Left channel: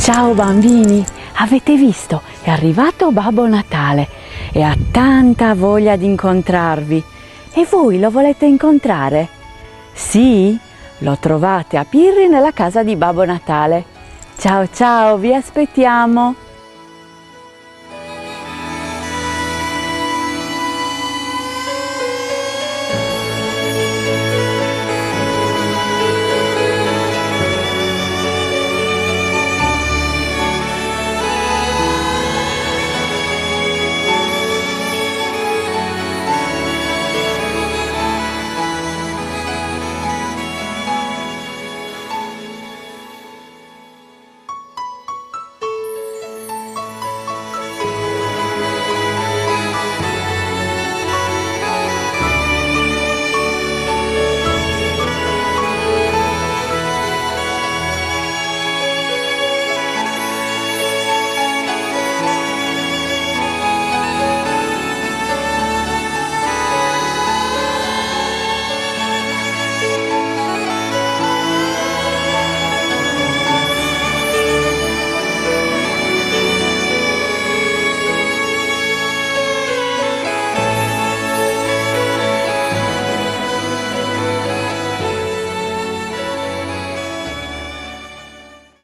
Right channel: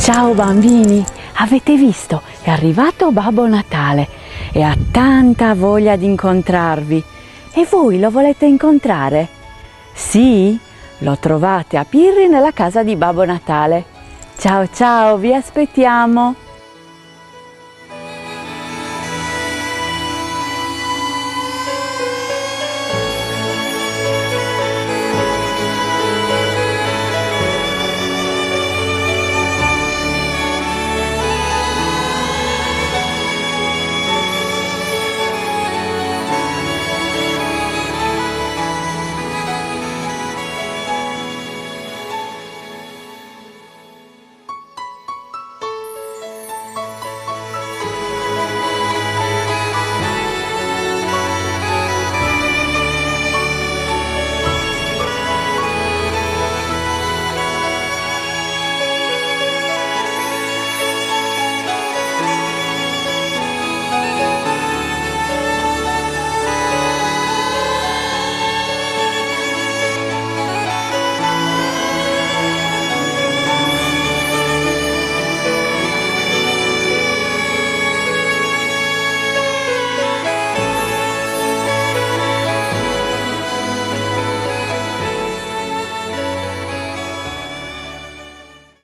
Ciao bambini, avete visto? È arrivato Babbo Natale e ha tanta voglia di incontrarvi. E voi lo volete incontrare? Sì? Lo trovate a Pirri nella casa di Babbo Natale. Ciao ciao, vi aspettiamo!